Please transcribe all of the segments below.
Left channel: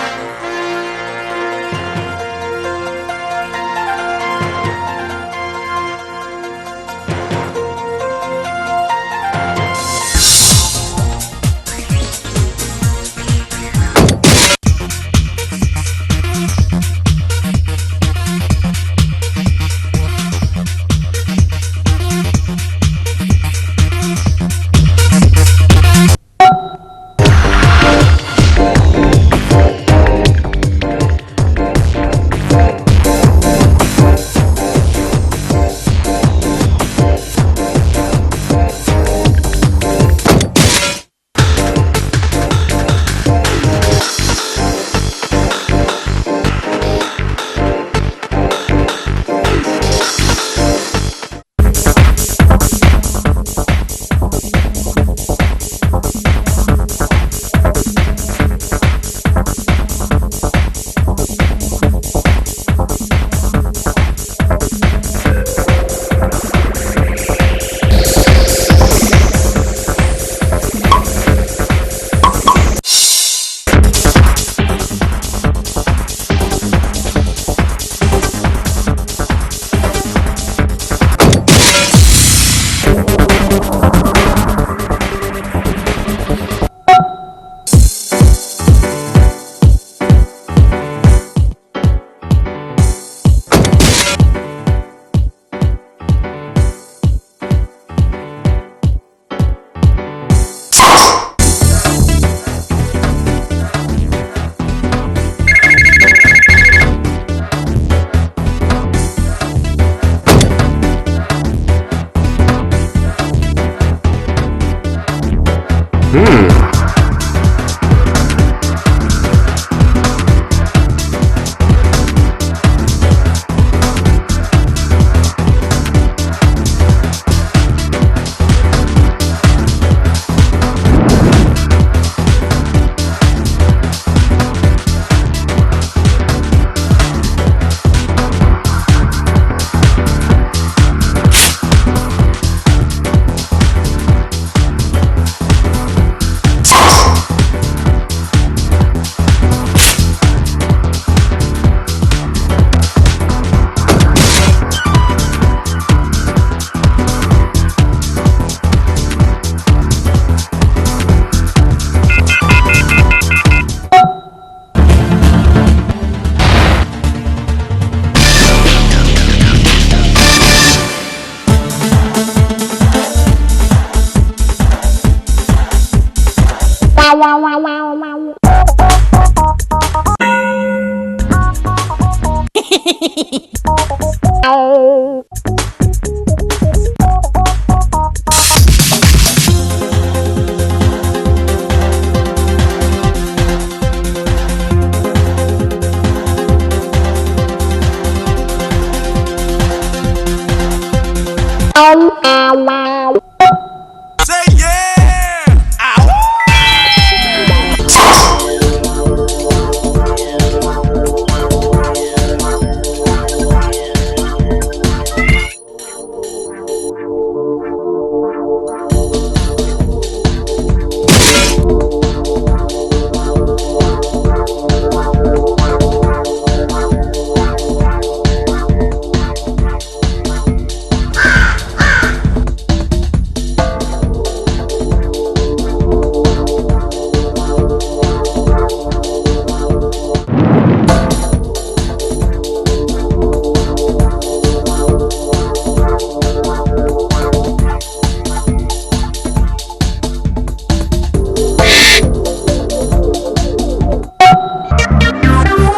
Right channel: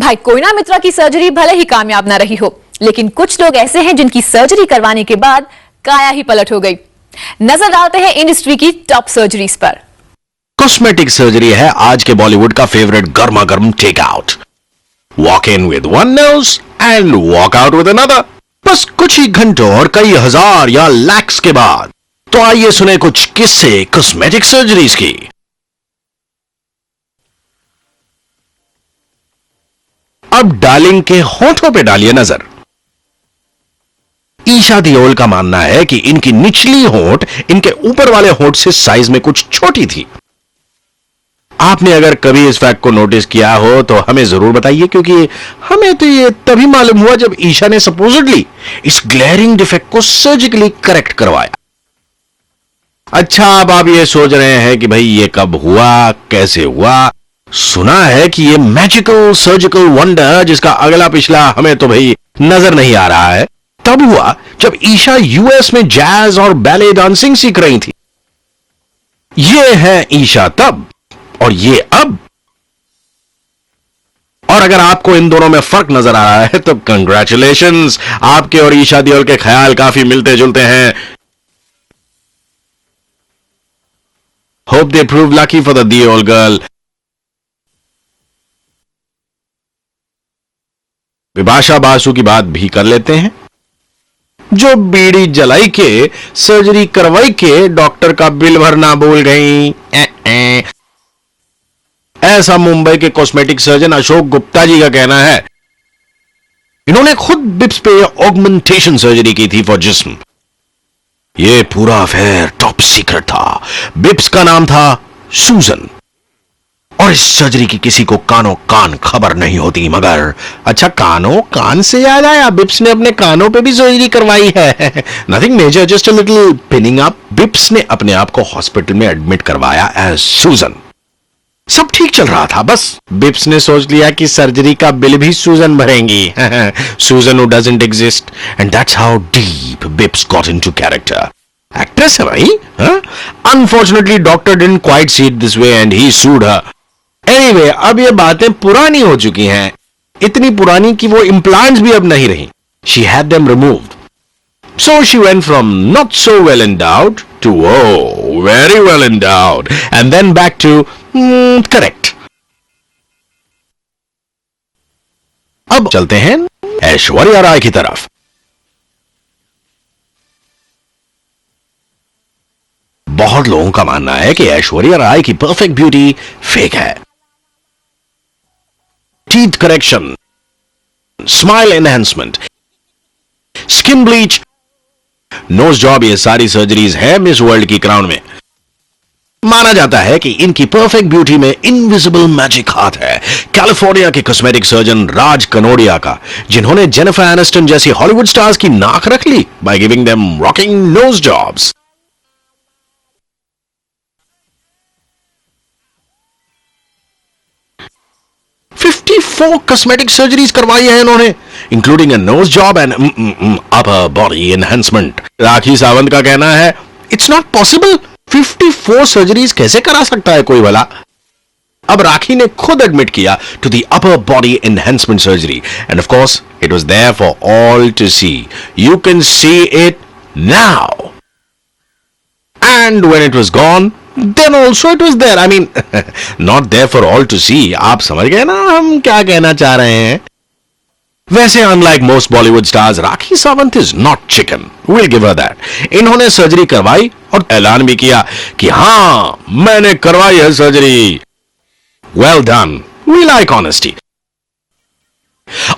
भाई कोयना मित्रा की सर्जरी भले ही कामयाब न रही हो, लेकिन कुछ लोग ऐसे हैं जिनकी सर्जरी करवाने के बाद काया ही पलट हो गई। नजर डालते हैं इंडस्ट्री की टॉप सर्जरीज पर। कॉस्मेटिक सर्जरी है आज के बॉलीवुड का फेवरेट गर्मा गर्म take out. Walk in with one nose and walk out with another. बस कुछ ही घंटों और कई हजार या लैक्स के बाद। तो आइए सुने कुछ किस्से कॉस्मेटिक सर्जरीज की। अब डार्लिंग के होठों पे डालिए नजर। ईशा दियोल का मानना है कि इनकी निचली होठ इनके ऊपर वाले होठ से साइज में कुछ छोटी थी। आपने अगर कभी इस फैक्ट को नोटिस किया हो तो हमें जरूर बताइए, क्योंकि हमें तो ये तभी मालूम हुआ जब ईशा ने सपोजिटली इस ग्लेरिंग डिफेक्ट को सर्जिकली करेक्ट करवाया। अच्छा, अब आप ये सोच रहे हैं कि भाई ये कब हुआ, कैसे हुआ? सुना है कि ये मैजिकल सर्जिकल वंडर जिसका अगला पिछला हमें तो भाई नजर नहीं आ रहा है, तब हुआ जब ईशा यूएस में जैज और बैले डांसिंग सीख रही थी। ये है ईशा तब और ये अब। और अगर आपको इन दोनों में फर्क नजर आ रहा है तो कंग्रेचुलेशंस, आपके और ईशा दियोल के ख्याल काफी मिलते जुलते हैं। Hope they prove lucky for the Deol girl. विभाषा बासु की बात भी कर लेते हैं, जो बीड़ी जलाई के सर्जरी करवाई के डॉक्टर का बिल भरना भूल गई। ऐसा मुंबई के कॉस्मेटिक सर्जन अशोक गुप्ता जी का कहना है। इन्होंने खुद बिप्स पे ऑगमेंटेशन सर्जरी की थी फॉर जिस्म। ये पूरा अफेयर टॉप सीक्रेट था। बिप्स का नाम था सूजन। और इस सर्जरी की किसी को कानों कान खबर नहीं होती, मगर अच्छा, कानों कान से याद आया, बिप्स ने अपने कानों पे भी सर्जरी करवाई है। Nothing major, just a little pinning up. Bips ने अपने आप को हॉस्पिटल में एडमिट करवाया एज सूजन। सब ठीक चल रहा था, बस बिप्स ने सोच लिया कि सर्जरी का बिल भी सूजन भरेंगी। सूजन who doesn't exist, and that's how deep Bips got into character. Actress है भाई। Unfortunately, doctor didn't quite see it this way and he sued her. Anyway, अब ये बातें पुरानी हो चुकी हैं, इतनी पुरानी कि वो implants भी अब नहीं रही। She had them removed. So she went from not so well endowed to very well endowed, and then back to correct. अब चलते हैं ऐश्वर्या राय की तरफ। बहुत लोगों का मानना है कि ऐश्वर्या राय की परफेक्ट ब्यूटी फेक है। Teeth correction, smile enhancement, skin bleach, nose job, ये सारी सर्जरीज है मिस वर्ल्ड की क्राउन में। माना जाता है कि इनकी परफेक्ट ब्यूटी में इनविजिबल मैजिक हाथ है कैलिफोर्निया के कॉस्मेटिक सर्जन राज कनोडिया का, जिन्होंने जेनिफर एनिस्टन जैसी हॉलीवुड स्टार्स की नाक रख ली by giving them rocking nose jobs. 54 cosmetic surgeries करवाई है इन्होंने, including a nose job and upper body enhancement. Rakhi Sawant का कहना है, इट्स नॉट पॉसिबल, 54 सर्जरीज कैसे करा सकता है कोई भला। अब राखी ने खुद एडमिट किया to the upper body enhancement surgery, and of course it was there for all to see. You can see it now, and when it was gone, then also it was there. I mean, not there for all to see. आप समझ गए ना हम क्या कहना चाह रहे हैं। वैसे unlike most Bollywood stars, Rakhi Sawant is not chicken. We'll give her that. इन्होंने सर्जरी करवाई और ऐलान भी किया कि हाँ, मैंने करवाई है surgery. Well done. We like honesty.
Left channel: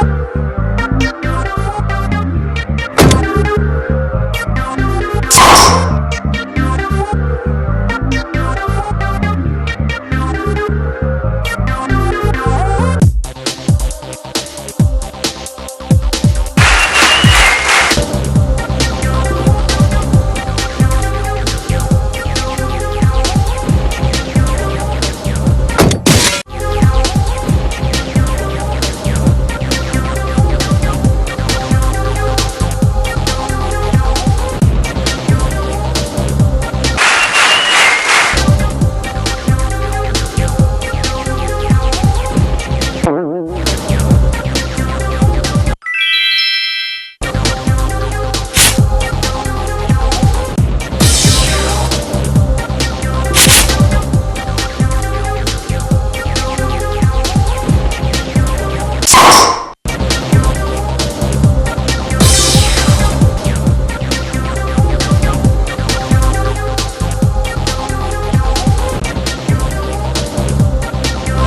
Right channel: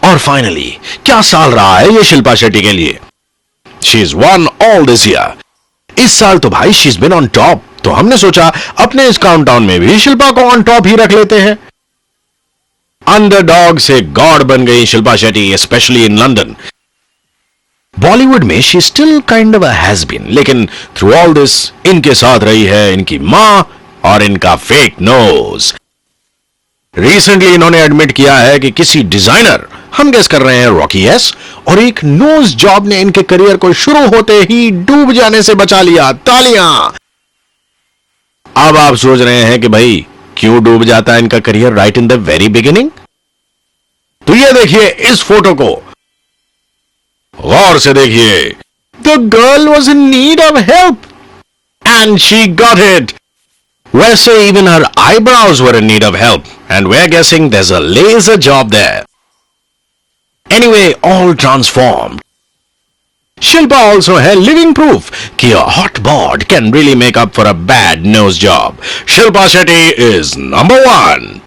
और फाइनली क्या साल रहा है ये शिल्पा शेट्टी के लिए। She's won all this year. इस साल तो भाई she's been on top, तो हमने सोचा अपने इस काउंटडाउन में भी शिल्पा को ऑन टॉप ही रख लेते हैं। अंडरडॉग से गॉड बन गई Shilpa Shetty, specially in London. Bollywood में she still kind of a has been, लेकिन through all this इनके साथ रही है इनकी माँ और इनका फेक नोज। रिसेंटली इन्होंने एडमिट किया है कि किसी डिजाइनर, हम गेस कर रहे हैं रॉकी एस, और एक नोज जॉब ने इनके करियर को शुरू होते ही डूब जाने से बचा लिया। तालियां। अब आप सोच रहे हैं कि भाई क्यों डूब जाता है इनका career right in the very beginning? तो ये देखिए इस फोटो को गौर से देखिए। The girl was in need of help and she got it. वैसे even her eyebrows were in need of help and we are guessing there is a laser job there. Anyway, all transform. Shilpa also had living proof कि a hot bod can really make up for a bad nose job. Shilpa Shetty is number 1.